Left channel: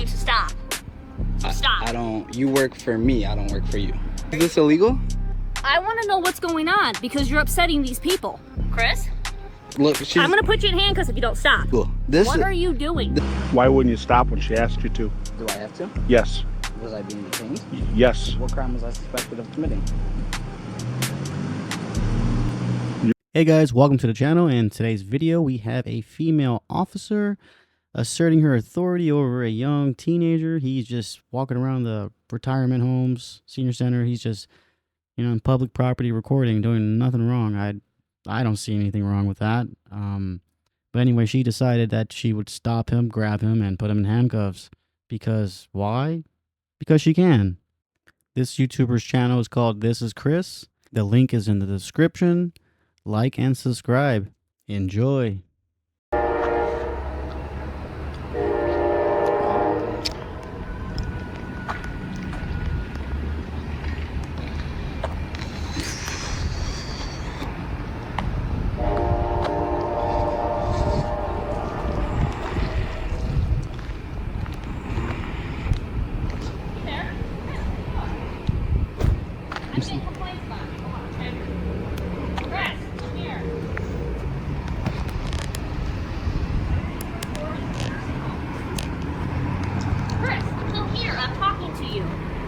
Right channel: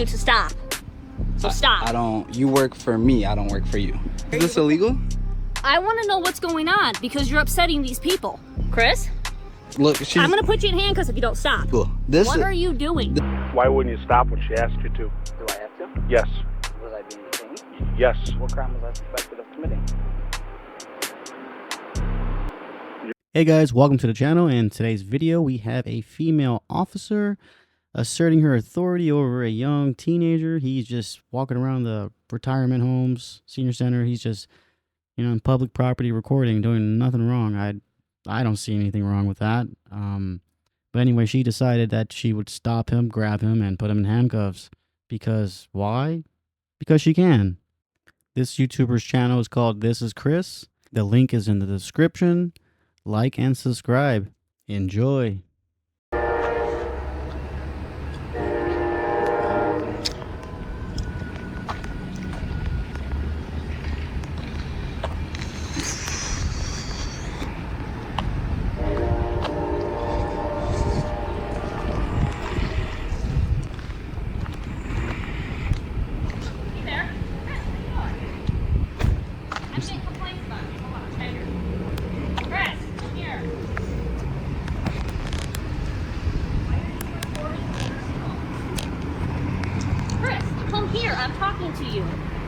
you to stop. So stop. I don't, you work for me, I don't work for you. Is this illegal? I want to know what's going on because you're upsetting these people. Chris? Look, I'm going to put you in handcuffs if you don't stop. What are you doing? Why wouldn't you stop when she asked you to? Do I have to? Yes. Was I being detained? Yes. What crime was I suspected of committing? Hey guys, welcome to the channel. In today's video, we have a female officer asserting her authority over a young teenager. He's just walking around the retirement homes, senior center. He's just, in public property recording, doing nothing wrong. I don't see anything wrong with that. But anyway, she decided that she would stop him, grab him, and put him in handcuffs. Because why? Because she can. This YouTuber's channel is called thischris. The link is in the description. Like and subscribe. Enjoy.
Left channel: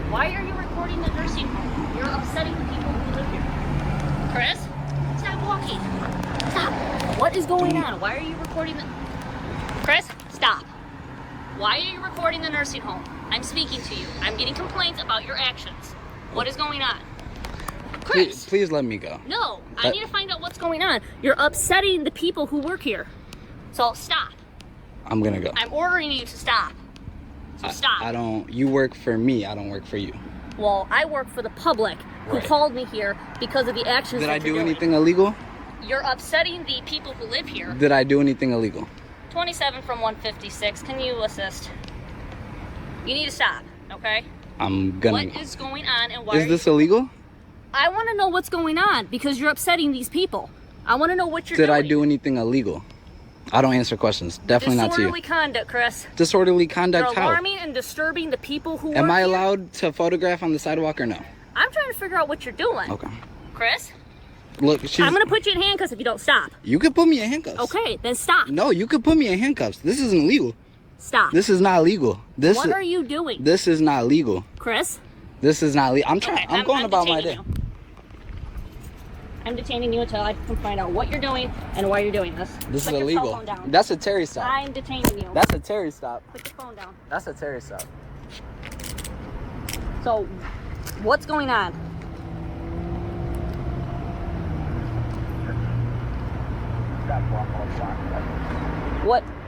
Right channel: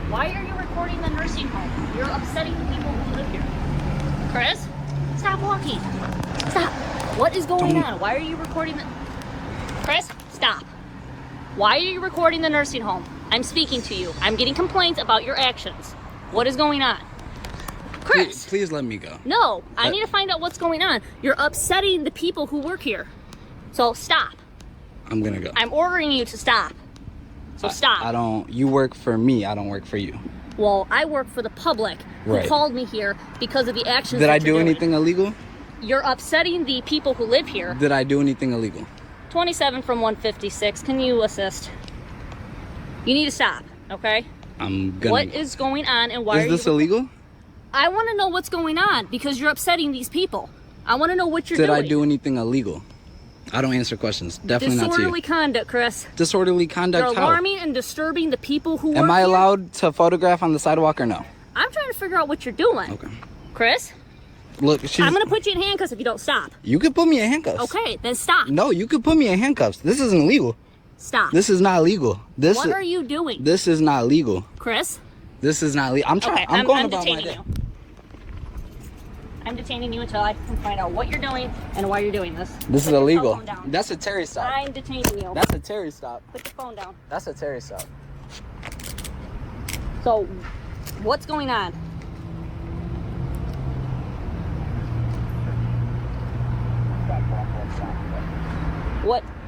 Why are you recording the nursing home? You're upsetting the people who live here. Chris, stop walking. Stop. What is going on? Why are you recording the... Chris, stop. Why are you recording the nursing home? I'm speaking to you. I'm getting complaints about your actions. What is going on? Chris. Please let me go. No, I need to find out what's going on. You're upsetting the people who work here. So stop. I'm gonna go. I'm ordering you to stop. So stop. I don't, you work for me, I don't work for you. Well, I work for the public who called me here because of the actions. Did I do anything illegal? You're upsetting the people who live here. Did I do anything illegal? 27 from 156. Can you assist? You need to stop, okay? I'm gonna What is going on and why is this illegal? I want to know what's going on because you're upsetting these people. I want to know what you're doing. Did I do anything illegal? I don't answer questions. Definitely not to you. Disorderly conduct, Chris. Disorderly conduct You're how? alarming and disturbing the people who Am work I here. allowed to photograph on the sidewalk or no? I'm trying to figure out what you're doing. Okay. Chris? Look, I'm going to put you in handcuffs if you don't stop. You can put me in handcuffs. Okay, then stop. No, you can put me in handcuffs. This isn't legal. Stop. This is not legal. What are you doing? This is not legal. Chris? This is not legal. I'm trying. Okay, I'm going about my day. I'm detaining you until I can find out what you're doing and why you're doing this. This is illegal. That's a Terry stop. I'm detaining you. That's a Terry stop. Put your phone down. That's a Terry stop. So, what's going on?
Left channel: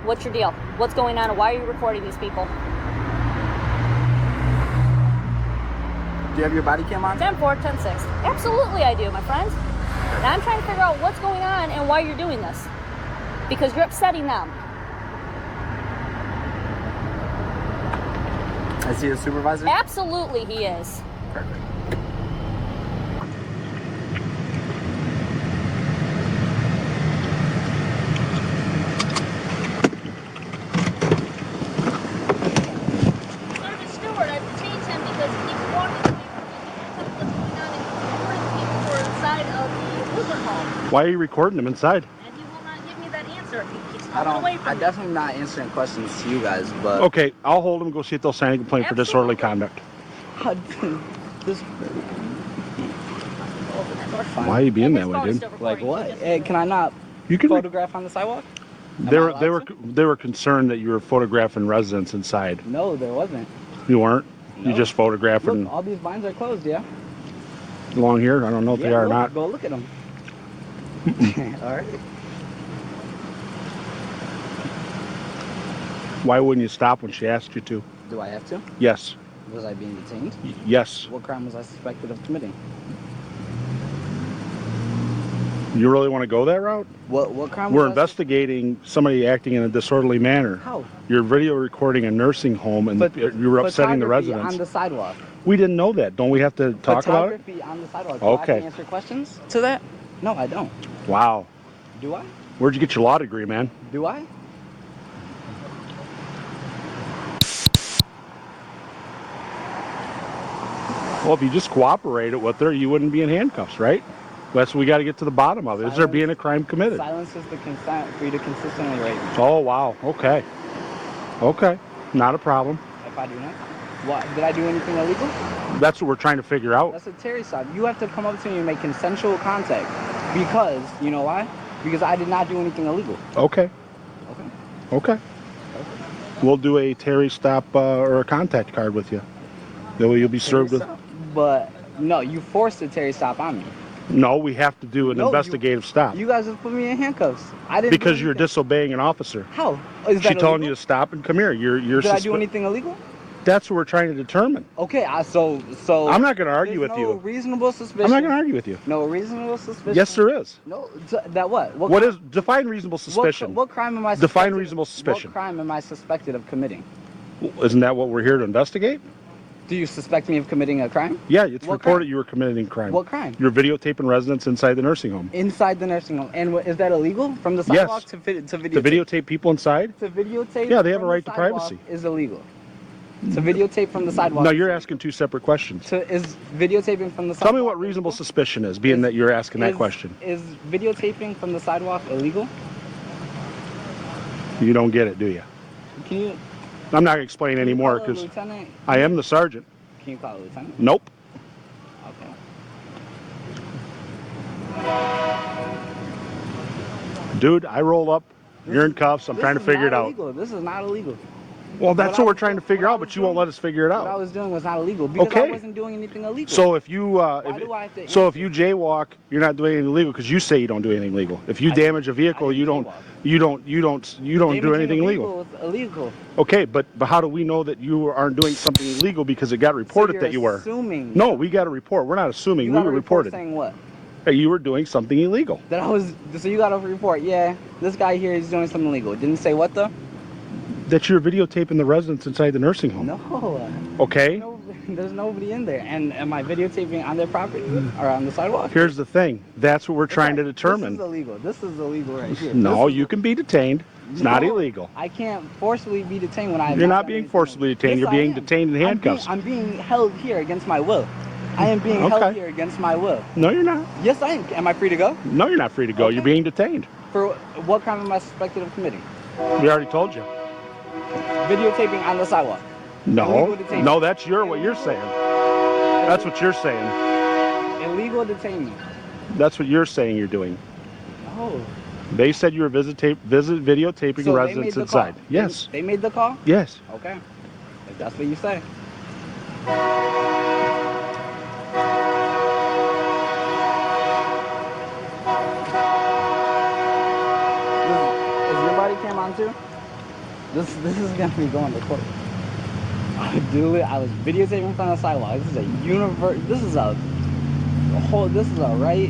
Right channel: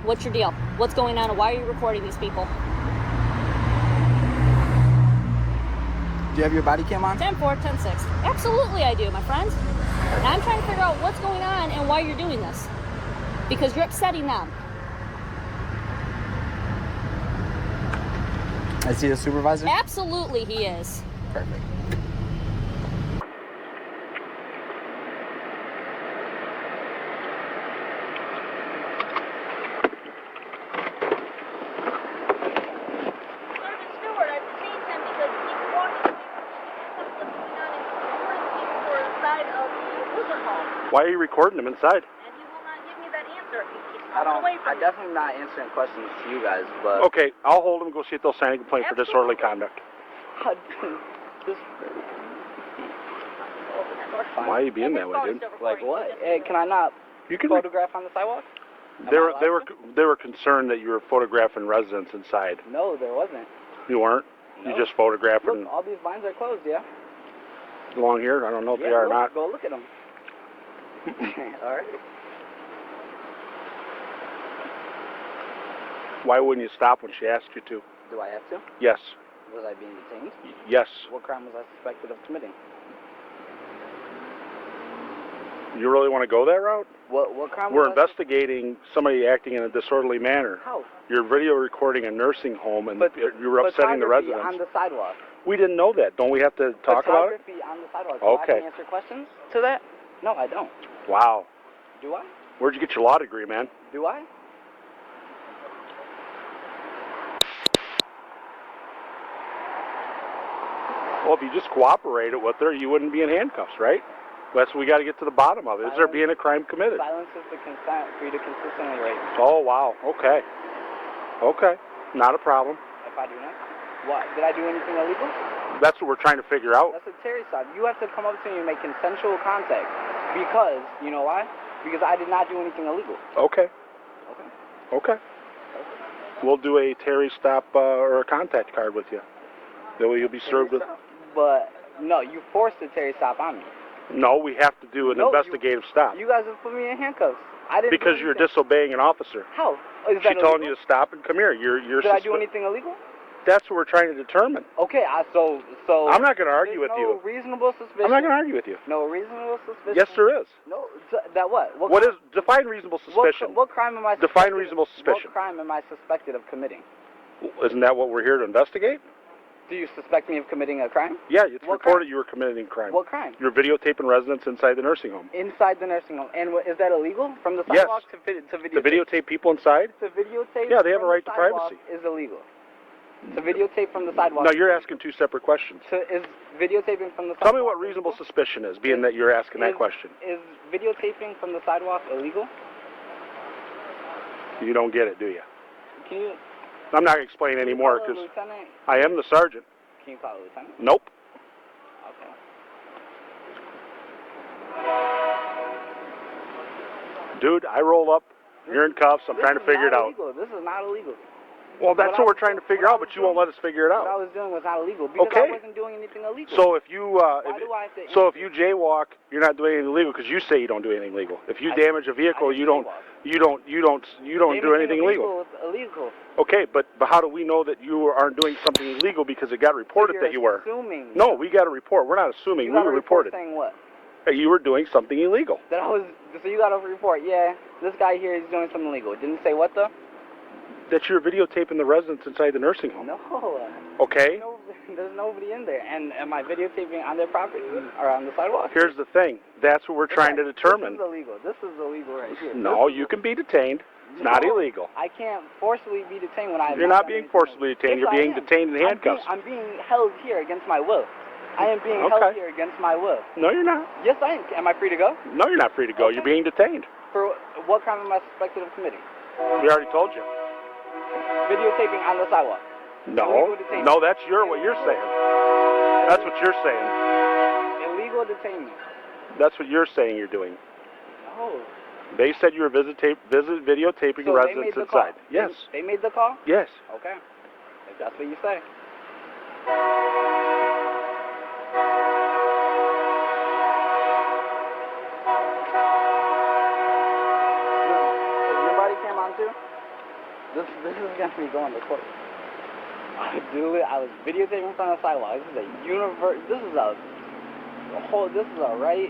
What's your deal? What's going on and why are you recording these people? Do you have your body cam on? 10-4, 10-6. Absolutely I do, my friend. And I'm trying to figure out what's going on and why you're doing this. Because you're upsetting them. Is he a supervisor? Absolutely he is. Perfect. Why are you recording them inside? And he will not give me that answer. He keeps I'm definitely not answering questions to you guys, but... Okay, I'll hold them, go see if they'll sign a complaint for disorderly conduct. Why are you being that way, dude? Like what? Hey, can I not photograph on the sidewalk? They were concerned that you were photographing residents inside. No, there wasn't. You weren't? No. You just photographing... Look, all these blinds are closed, yeah? Along here? I don't know if they are or not. Go look at them. All right. Why wouldn't you stop when she asked you to? Do I have to? Yes. Was I being detained? Yes. What crime was I suspected of committing? You really want to go that route? What crime? We're investigating somebody acting in a disorderly manner. How? You're video recording a nursing home and you were upsetting the residents. On the sidewalk. We didn't know that. Don't we have to talk about it? Photography on the sidewalk. Okay. Do I have to answer questions to that? No, I don't. Wow. Do I? Where'd you get your law degree, man? Do I? Well, if you just cooperated with her, you wouldn't be in handcuffs, right? That's what we got to get to the bottom of. Is there being a crime committed? Silence is the consent for you to consistently rape me. Oh, wow. Okay. Okay. Not a problem. If I do not, what? Did I do anything illegal? That's what we're trying to figure out. That's a Terry stop. You have to come up to me and make consensual contact. Because, you know why? Because I did not do anything illegal. Okay. Okay. Okay. We'll do a Terry stop or a contact card with you. Then you'll be served with. But, no, you forced a Terry stop on me. No, we have to do an investigative stop. You guys just put me in handcuffs. I didn't. Because you're disobeying an officer. How? Is She that telling illegal? you to stop and come here. You're. Did I do anything illegal? That's what we're trying to determine. Okay, so. I'm not going to argue with no you. Reasonable suspicion. I'm not going to argue with you. No reasonable suspicion. Yes, there is. No, that what? What is define reasonable suspicion? What crime am I? Define reasonable suspicion. What crime am I suspected of committing? Isn't that what we're here to investigate? Do you suspect me of committing a crime? Yeah, it's What reported crime? you were committing crime. What crime? You're videotaping residents inside the nursing home. Inside the nursing home. And is that illegal? From the sidewalk Yes. to videotape? To videotape people inside? To videotape. Yeah, they have a from right the to sidewalk privacy. Is illegal. To videotape from the sidewalk. No, you're asking two separate questions. Is videotaping from the sidewalk? Tell me what reasonable suspicion is, being that you're asking that question. Is videotaping from the sidewalk illegal? You don't get it, do you? Can you? I'm not going to explain Can you anymore call a because lieutenant? I am the sergeant. Can you call a lieutenant? Nope. Okay. Dude, I roll up. You're in cuffs. I'm trying to figure it out. Illegal. This is not illegal. Well, that's what we're trying to figure out, but you won't let us figure it What I out. was doing was not illegal because I Okay. wasn't doing anything illegal. So if you do I have to if you jaywalk, you're not doing anything illegal because you say you don't do anything illegal. If you damage a vehicle, you don't do Damaging anything a illegal. vehicle is illegal. Okay, but how do we know that you aren't doing something illegal because it got reported that you were? Assuming. No, we got a report. We're not assuming. You We got were a report reported saying what? that you were doing something illegal. That I was. So you got a report? Yeah. This guy here is doing something illegal. It didn't say what though? That you're videotaping the residents inside the nursing home. No. Okay. No, there's nobody in there. And am I videotaping on their property or on the sidewalk? Here's the thing. That's what we're trying to determine. This is illegal. This is illegal right here. No, This is- you can be detained. It's not No, illegal. I can't forcibly be detained when I. You're not being forcibly detained. You're being detained in handcuffs. I'm being held here against my will. I am being Okay. held here against my will. No, you're not. Yes, I am. Am I free to go? No, you're not free to go. Okay. You're being detained. For what crime am I suspected of committing? We already told you. Videotaping on the sidewalk. No, Illegal detainment. no, that's what you're saying. That's what you're saying. Illegal detainment. That's what you're saying you're doing. No. They said you were videotaping So they residents made the inside. call. Yes. They made the call? Yes. Okay. If that's what you say. Is your body cam on too? This is gonna be going to court. I was videotaping from the sidewalk. This is a universe. This is a right.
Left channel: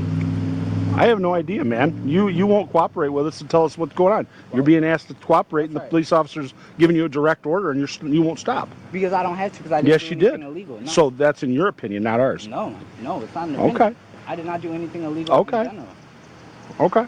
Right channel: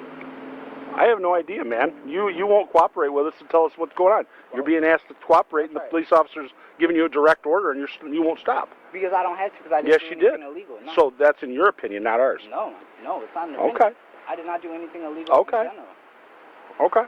I have no idea, man. You won't cooperate with us and tell us what's going on. You're being asked to cooperate, and the That's right. police officer's giving you a direct order, and you won't stop. Because I don't have to, because I didn't Yes, do you anything did. illegal. No. So that's in your opinion, not ours. No, it's not an Okay. opinion. I did not do anything illegal Okay. in general. Okay.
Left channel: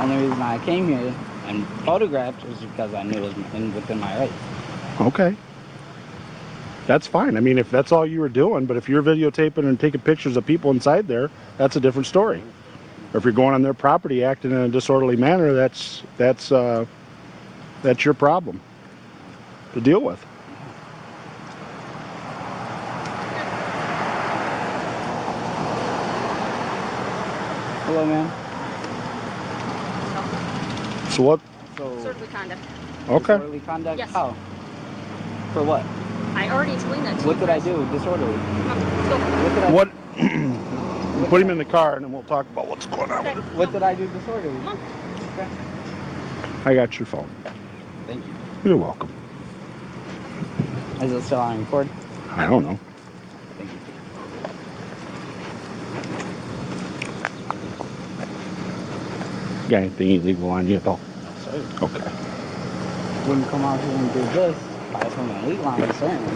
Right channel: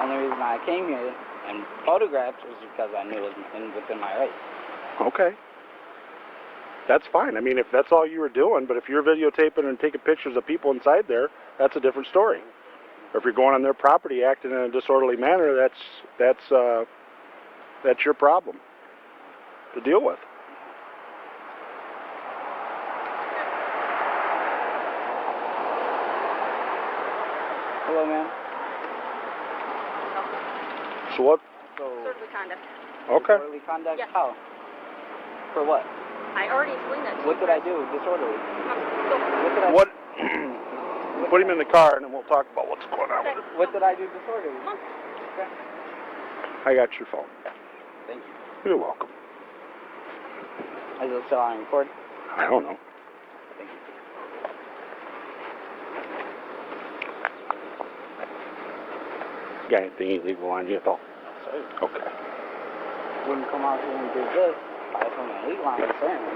Only reason I came here and photographed was because I knew it was within my rights. Okay. That's fine. I mean, if that's all you were doing, but if you're videotaping and taking pictures of people inside there, that's a different story. Or if you're going on their property acting in a disorderly manner, that's your problem to deal with. Hello, ma'am. So what? So, Disorderly conduct. Okay. disorderly conduct? Yes. How? For what? I already explained that to What you. did I do disorderly? Let's go. What did I What? Put him in the car, and then we'll talk about what's going on. Okay. What did I do disorderly? Come on. Okay. I got your phone. Thank you. You're welcome. Is it still on record? I don't know. You got anything illegal on you at all? Sorry. Okay. Wouldn't come out here and do this. I from an 8 line, certainly.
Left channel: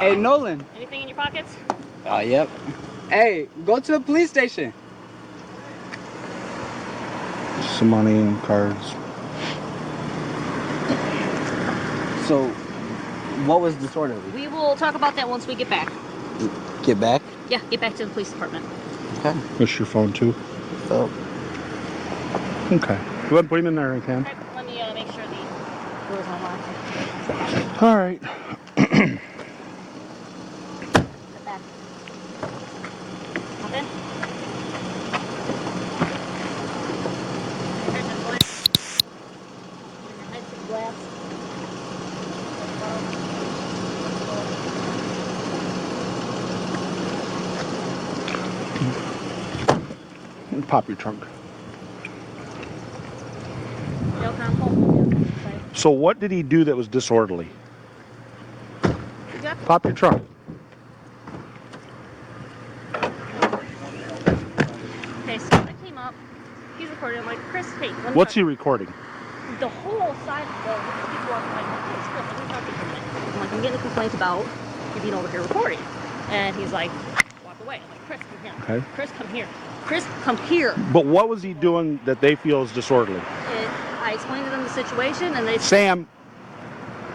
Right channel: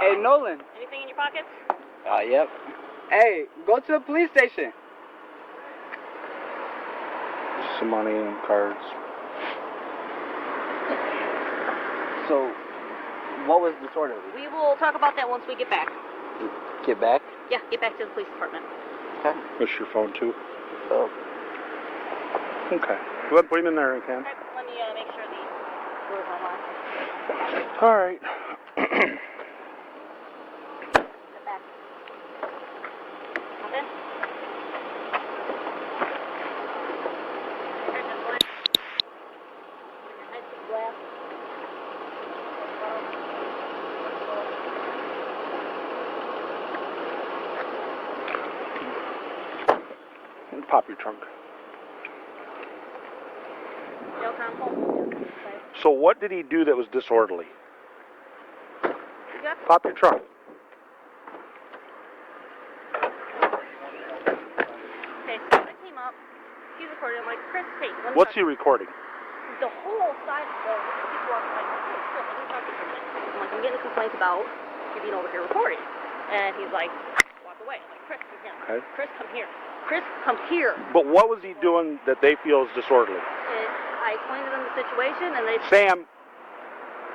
Hey, Nolan. Anything in your pockets? Yep. Hey, go to the police station. Some money and cards. So, what was disorderly? We will talk about that once we get back. Get back? Yeah, get back to the police department. Okay. That's your phone too? So, Okay. Go ahead and put him in there, Cam. Okay, let me make sure the door's unlocked. All right. Step back. Hop in. Here's the glass. Here's the glass. Pop your trunk. So what did he do that was disorderly? Yeah. Pop your trunk. Okay, so I came up. He's recording. I'm like, Chris, hey, let me What's he talk. recording? The whole side of the he's walking like, Chris, let me talk to you. I'm like, I'm getting a complaint about you being over here recording. And he's like, walk away. I'm like, Chris, come here. Okay. Chris, come here. Chris, come here. But what was he doing that they feel is disorderly? I explained to them the situation, and they Sam,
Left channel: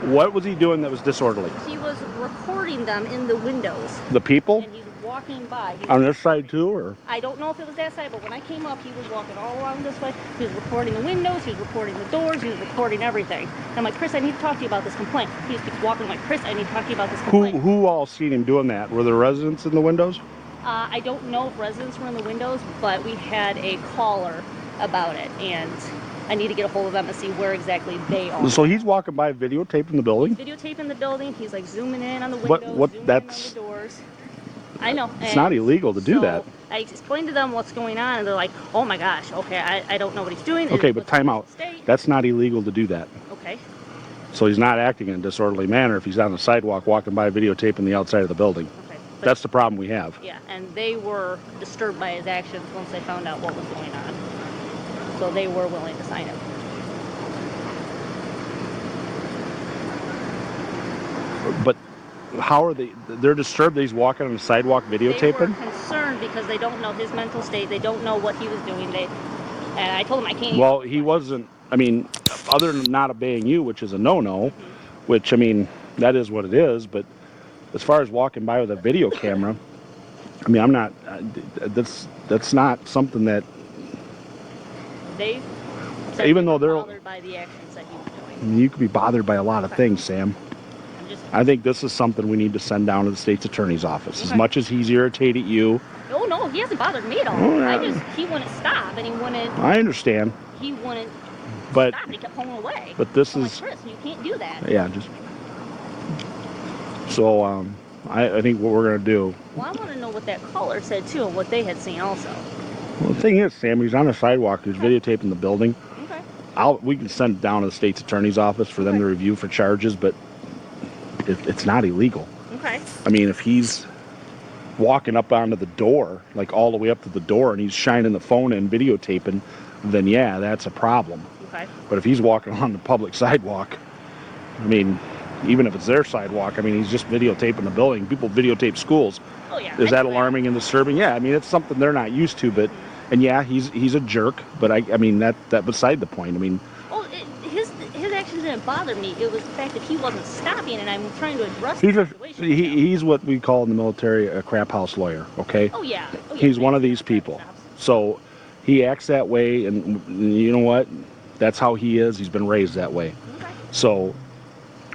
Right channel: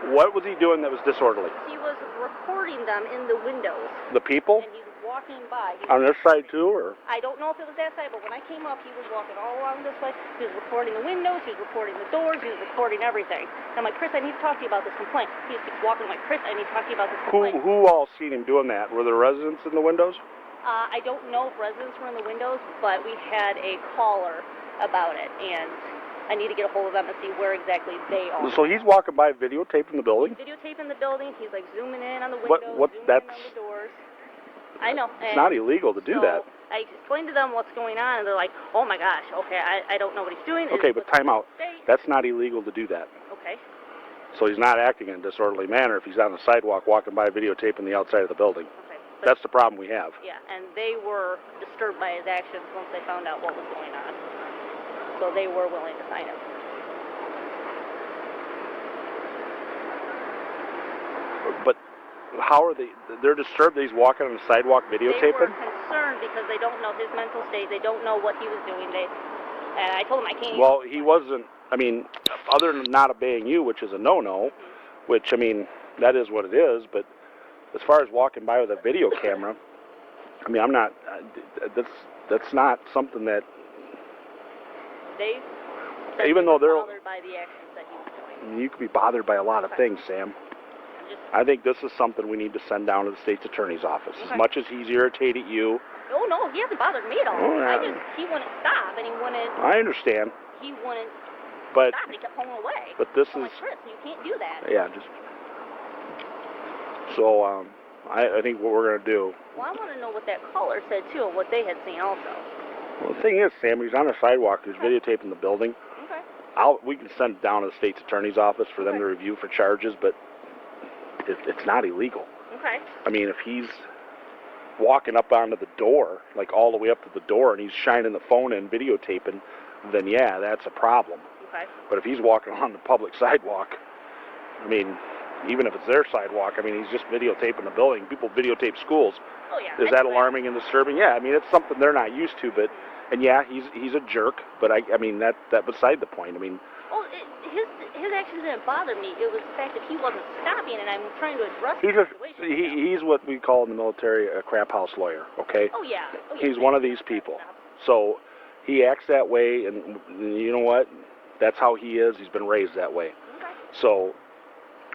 what was he doing that was disorderly? he was recording them in the windows, The people? and he's walking by. On this side too, or? I don't know if it was that side, but when I came up, he was walking all around this way. He was recording the windows, he was recording the doors, he was recording everything. And I'm like, Chris, I need to talk to you about this complaint. He just keeps walking. I'm like, Chris, I need to talk to you about this complaint. Who all seen him doing that? Were there residents in the windows? I don't know if residents were in the windows, but we had a caller about it, and I need to get a hold of them and see where exactly they are. So he's walking by videotaping the building? Videotaping the building. He's like zooming in on the windows, zooming in on the doors. I know. It's not illegal to do that. I explained to them what's going on, and they're like, oh my gosh, okay, I don't know what he's doing. Okay, but time out. That's not illegal to do that. Okay. So he's not acting in a disorderly manner if he's on the sidewalk walking by videotaping the outside of the building. Okay. That's the problem we have. Yeah, and they were disturbed by his actions once they found out what was going on. So they were willing to sign him. But how are they? They're disturbed that he's walking on the sidewalk videotaping? They were concerned because they don't know his mental state. They don't know what he was doing. And I told him I can't. Well, he wasn't. I mean, other than not obeying you, which is a no-no, which I mean that is what it is. But as far as walking by with a video camera, I mean, I'm not. That's not something that. They. Even though they're bothered by the actions that he was doing. I mean, you could be bothered by a lot of things, Sam. I think this is something we need to send down to the state's attorney's office. Okay. As much as he's irritated you. Oh no, he hasn't bothered me at all. Oh, yeah. He wouldn't stop, and he wouldn't. I understand. He wouldn't But stop. He kept pulling away. But this I'm is. like, Chris, you can't do that. Yeah, just. So I think what we're gonna do. Well, I want to know what that caller said too, and what they had seen also. Well, the thing is, Sam, he's on the sidewalk. He's videotaping the building. Okay. We can send it down to the state's attorney's office for them to review for charges, but it's not illegal. Okay. I mean, if he's walking up onto the door, like all the way up to the door, and he's shining the phone and videotaping, then yeah, that's a problem. Okay. But if he's walking on the public sidewalk, I mean, even if it's their sidewalk, I mean, he's just videotaping the building. People videotape schools. Oh yeah. Is that alarming and disturbing? Yeah, I mean, it's something they're not used to, but, and yeah, he's a jerk, but I mean, that beside the point. I mean. Well, his actions didn't bother me. It was the fact that he wasn't stopping, and I'm trying to address the situation. He's what we call in the military a crap house lawyer, okay? Oh yeah. He's one of these people. So he acts that way, and you know what? That's how he is. He's been raised that way. Okay. So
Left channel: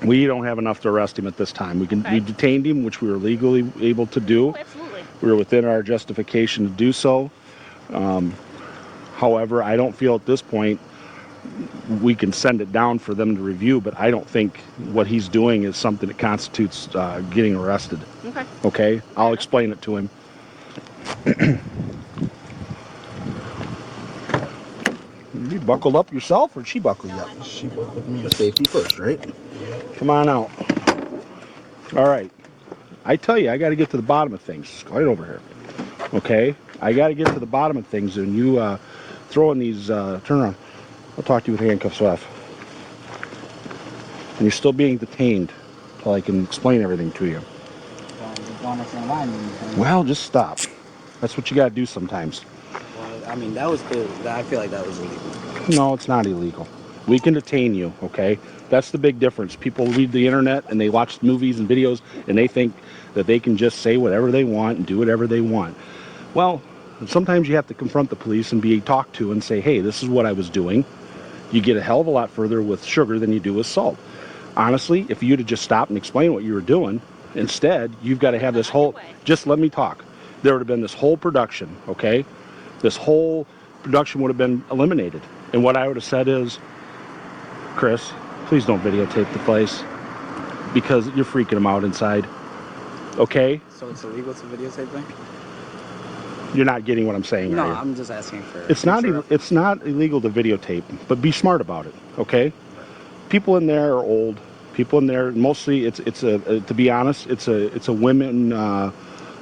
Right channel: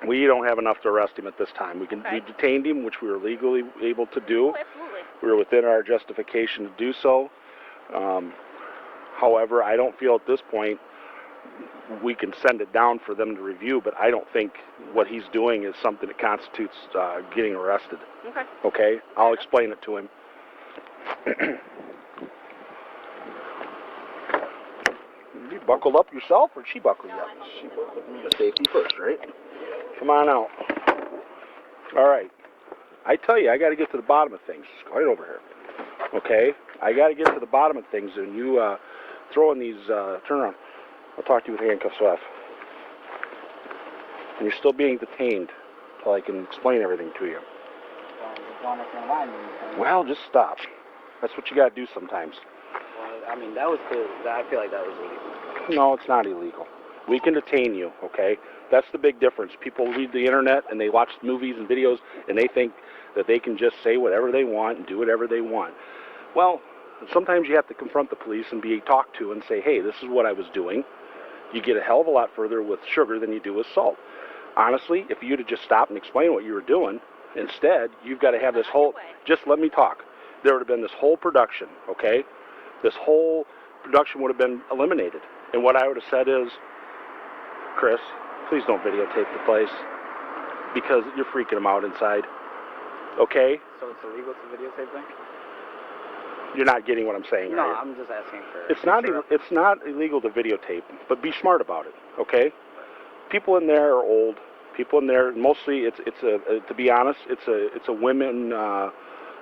we don't have enough to arrest him at this time. We detained him, which we were legally able to do. Oh, absolutely. We were within our justification to do so. However, I don't feel at this point we can send it down for them to review, but I don't think what he's doing is something that constitutes getting arrested. Okay. Okay? I'll explain it to him. You buckled up yourself, or she buckled you up? She buckled me. Safety first, right? Come on out. All right. I tell you, I got to get to the bottom of things. Right over here. Okay? I got to get to the bottom of things, and you throwing these, turn around. I'll talk to you with handcuffs off. And you're still being detained until I can explain everything to you. Well, just stop. That's what you got to do sometimes. Well, I mean, that was clear. I feel like that was illegal. No, it's not illegal. We can detain you, okay? That's the big difference. People read the internet and they watch movies and videos and they think that they can just say whatever they want and do whatever they want. Well, sometimes you have to confront the police and be talked to and say, hey, this is what I was doing. You get a hell of a lot further with sugar than you do with salt. Honestly, if you'd have just stopped and explained what you were doing, instead, you've got to have this whole, just let me talk. There would have been this whole production, okay? This whole production would have been eliminated. And what I would have said is, Chris, please don't videotape the place because you're freaking them out inside. Okay? So it's illegal to videotape them? You're not getting what I'm saying, No, are you? I'm just asking for... It's not illegal to videotape, but be smart about it, okay? People in there are old. People in there, mostly, to be honest, it's a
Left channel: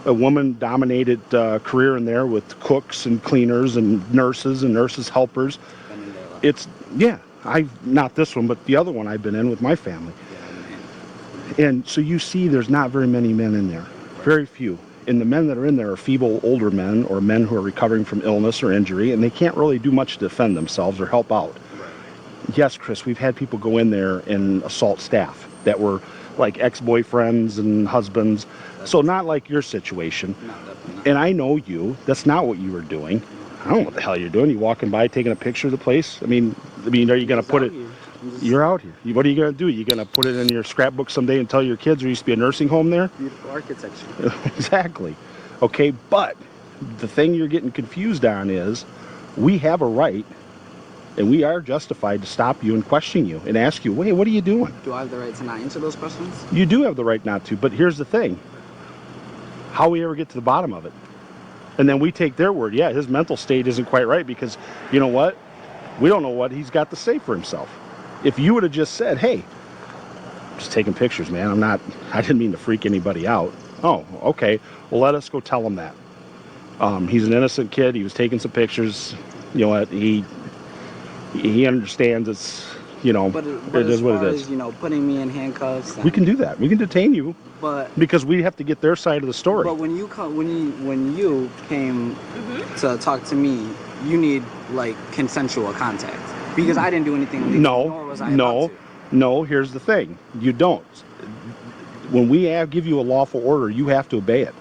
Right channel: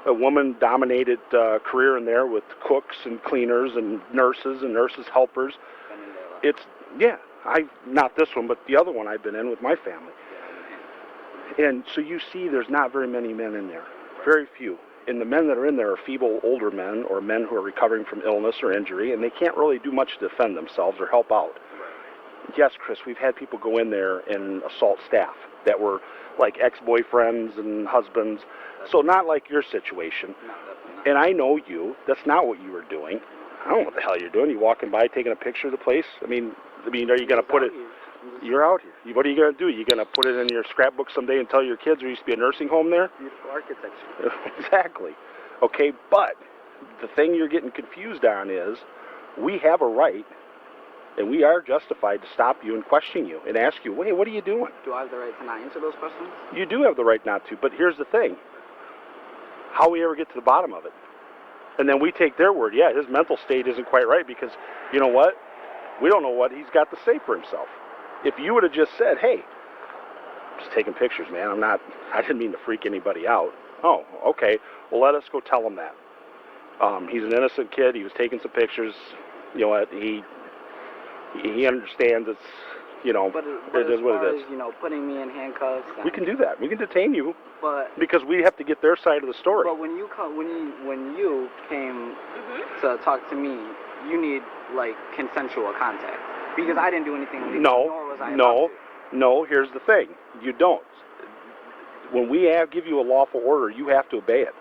woman-dominated career in there with cooks and cleaners and nurses helpers. Not this one, but the other one I've been in with my family. And so you see there's not very many men in there, very few. And the men that are in there are feeble older men or men who are recovering from illness or injury, and they can't really do much to defend themselves or help out. Yes, Chris, we've had people go in there and assault staff that were like ex-boyfriends and husbands. So not like your situation. No, definitely not. And I know you. That's not what you were doing. I don't know what the hell you're doing. You walking by taking a picture of the place? I mean, are you going to put it... You're out here. What are you going to do? You going to put it in your scrapbook someday and tell your kids there used to be a nursing home there? Beautiful architecture. Exactly. Okay, but the thing you're getting confused on is we have a right and we are justified to stop you and question you and ask you, wait, what are you doing? Do I have the right to not answer those questions? You do have the right not to, but here's the thing. How we ever get to the bottom of it? And then we take their word. Yeah, his mental state isn't quite right because, you know what? We don't know what he's got to say for himself. If you would have just said, hey, just taking pictures, man. I didn't mean to freak anybody out. Oh, okay. Well, let us go tell him that. He's an innocent kid. He was taking some pictures. You know what? He understands it's, you know, but it is what it is. As, you know, putting me in handcuffs. We can do that. We can detain you. But because we have to get their side of the story. But when you came to talk to me, you need like consensual contact because I didn't do anything illegal. Nor was I about to. No. Here's the thing: you don't. When we give you a lawful order, you have to obey it.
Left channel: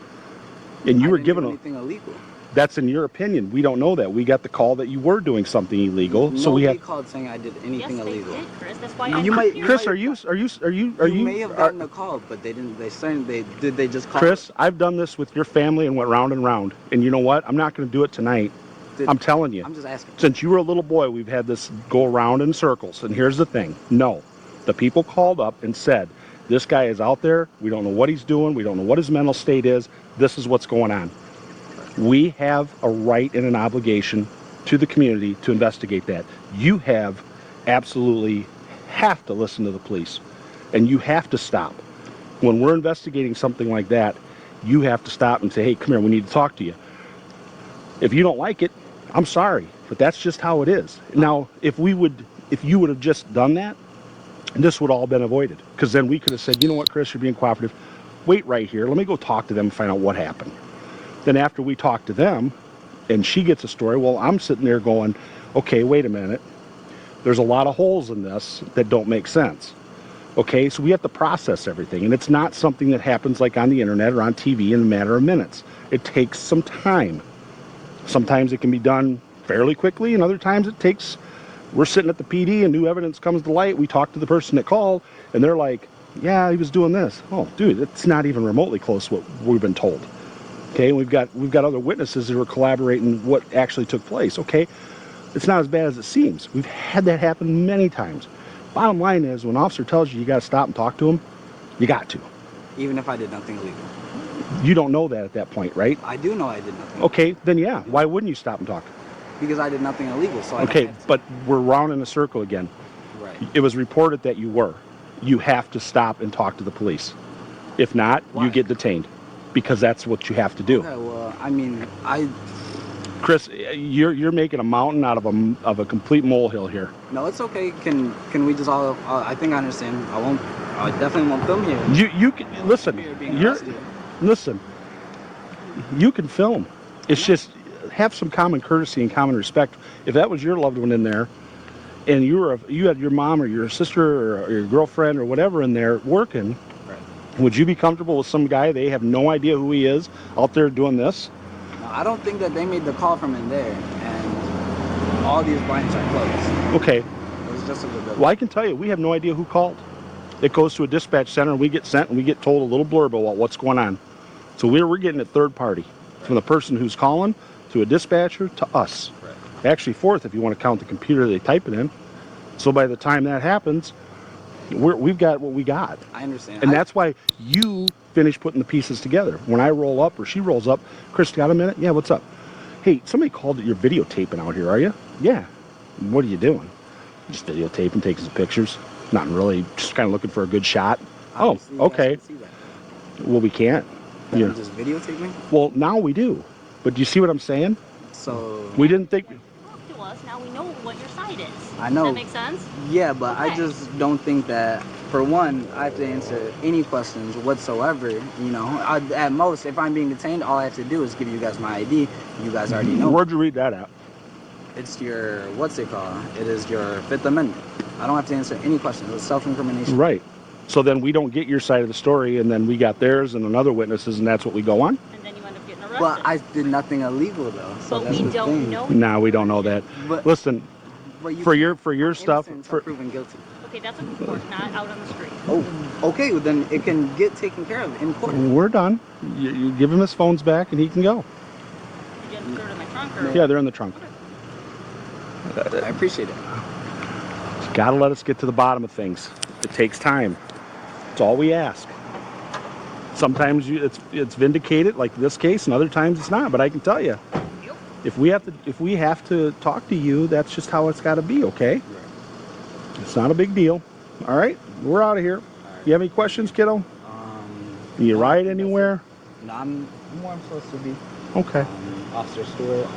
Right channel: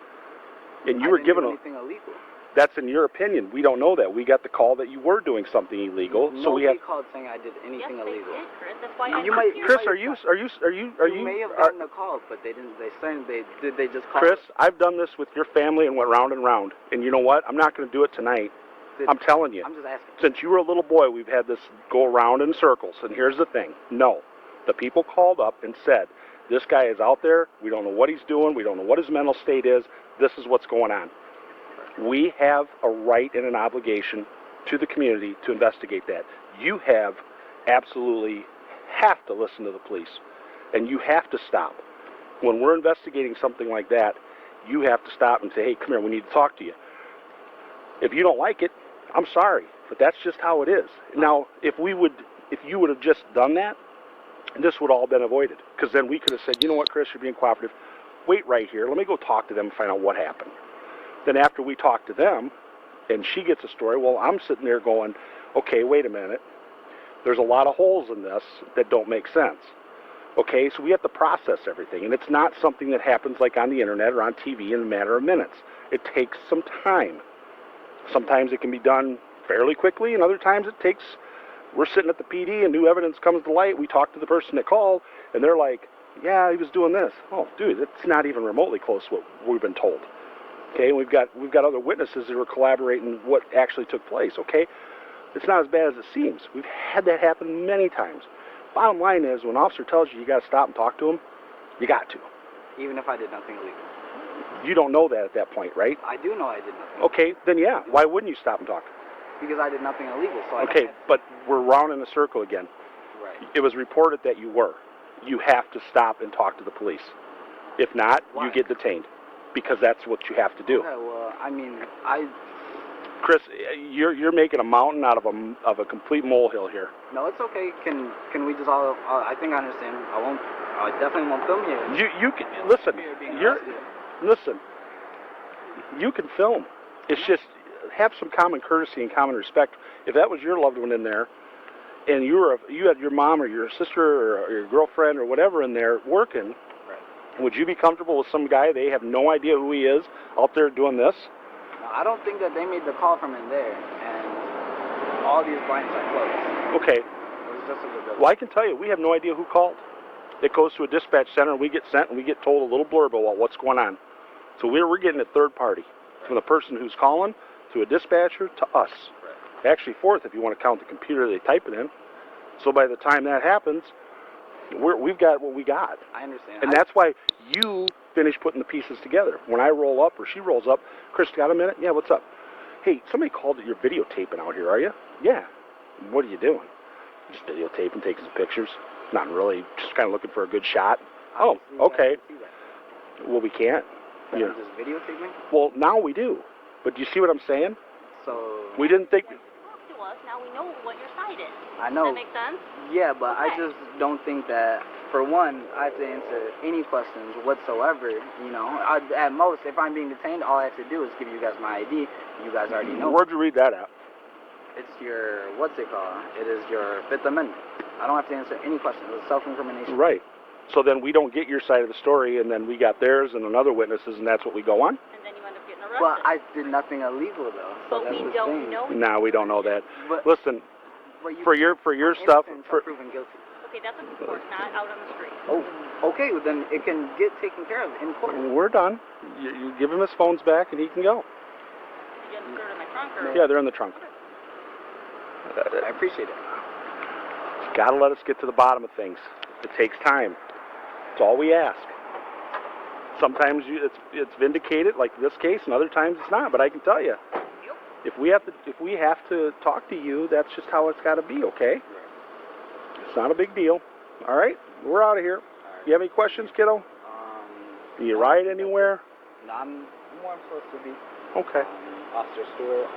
And you were given anything illegal. That's in your opinion. We don't know that. We got the call that you were doing something illegal. So we have called saying I did anything illegal. Did, Chris. That's why you might. Chris, are you? You may have gotten a call, but they didn't. They just call. Chris, I've done this with your family and went round and round. And you know what? I'm not going to do it tonight. I'm telling you. I'm just asking. Since you were a little boy, we've had this go around in circles. And here's the thing. No. The people called up and said, this guy is out there. We don't know what he's doing. We don't know what his mental state is. This is what's going on. We have a right and an obligation to the community to investigate that. You absolutely have to listen to the police. And you have to stop. When we're investigating something like that, you have to stop and say, hey, come here, we need to talk to you. If you don't like it, I'm sorry, but that's just how it is. Now, if you would have just done that, this would all been avoided. Because then we could have said, you know what, Chris, you're being cooperative. Wait right here. Let me go talk to them and find out what happened. Then after we talk to them, and she gets a story, well, I'm sitting there going, okay, wait a minute. There's a lot of holes in this that don't make sense. Okay, so we have to process everything. And it's not something that happens like on the internet or on TV in a matter of minutes. It takes some time. Sometimes it can be done fairly quickly, and other times we're sitting at the PD and new evidence comes to light. We talk to the person that called, and they're like, yeah, he was doing this. Oh, dude, it's not even remotely close to what we've been told. Okay, we've got other witnesses that are collaborating what actually took place. Okay, it's not as bad as it seems. We've had that happen many times. Bottom line is, when an officer tells you got to stop and talk to him, you got to. Even if I did nothing illegal. You don't know that at that point, right? I do know I did nothing. Okay, then yeah. Why wouldn't you stop and talk? because I did nothing illegal. So Okay, but we're round in a circle again. Right. It was reported that you were. You have to stop and talk to the police. If not, Why? you get detained, because that's what you have to do. Okay, well, I mean, Chris, you're making a mountain out of a complete molehill here. No, it's okay. Can we just all? I think I understand. I definitely won't film here. You can listen. Listen. You can film. It's just have some common courtesy and common respect. If that was your loved one in there, and you had your mom or your sister or your girlfriend or whatever in there working, right, would you be comfortable with some guy they have no idea who he is out there doing this? No, I don't think that they made the call from in there, and all these blinds are closed. Okay. It was just a good. Well, I can tell you, we have no idea who called. It goes to a dispatch center, and we get sent, and we get told a little blurb about what's going on. So we're getting it third party, from the person who's calling to a dispatcher to us. Right. Actually, fourth if you want to count the computer they type it in. So by the time that happens, we've got what we got. I understand. And that's why you finish putting the pieces together. When I roll up or she rolls up, Chris, got a minute? Yeah, what's up? Hey, somebody called that you're videotaping out here, are you? Yeah. What are you doing? Just videotaping, taking some pictures. Nothing really, just kind of looking for a good shot. Obviously, oh, okay. See that. Well, we can't. But I'm just videotaping? Well, now we do. But do you see what I'm saying? So... We didn't think... Talk to us, now we know what your side is. I know. Does that make sense? Yeah, but Okay. I just don't think that, for one, I have to answer any questions whatsoever. You know, at most, if I'm being detained, all I have to do is give you guys my ID. You guys already know. Where'd you read that at? It's your, what's it called? It is your Fifth Amendment. I don't have to answer any questions. It's self-incrimination. Right. So then we don't get your side of the story, and then we got theirs and another witnesses, and that's what we go on? And then you end up getting arrested. But I did nothing illegal, though. So But that's we the don't thing. know. Nah, we don't know that. But, Listen, but you for your stuff... innocent until proven guilty. Okay, that's in court, not out on the street. Oh, okay. Well, then it can get taken care of in court. We're done. You give him his phones back, and he can go. Did you have to throw it in my trunk or? Yeah, they're in the trunk. I appreciate it. Just gotta let us get to the bottom of things. It takes time. It's all we ask. Sometimes it's vindicated, like this case, and other times it's not. But I can tell you, if we have to talk to you, that's just how it's got to be. Okay? It's not a big deal. All right, we're out of here. You have any questions, kiddo? Can you ride anywhere? No, I'm where I'm supposed to be. Okay. Officer Stewart,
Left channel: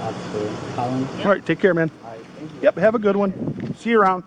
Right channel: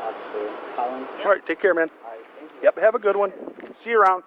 Officer Collins. All right, take care, man. All right, thank you. Yep, have a good one. See you around.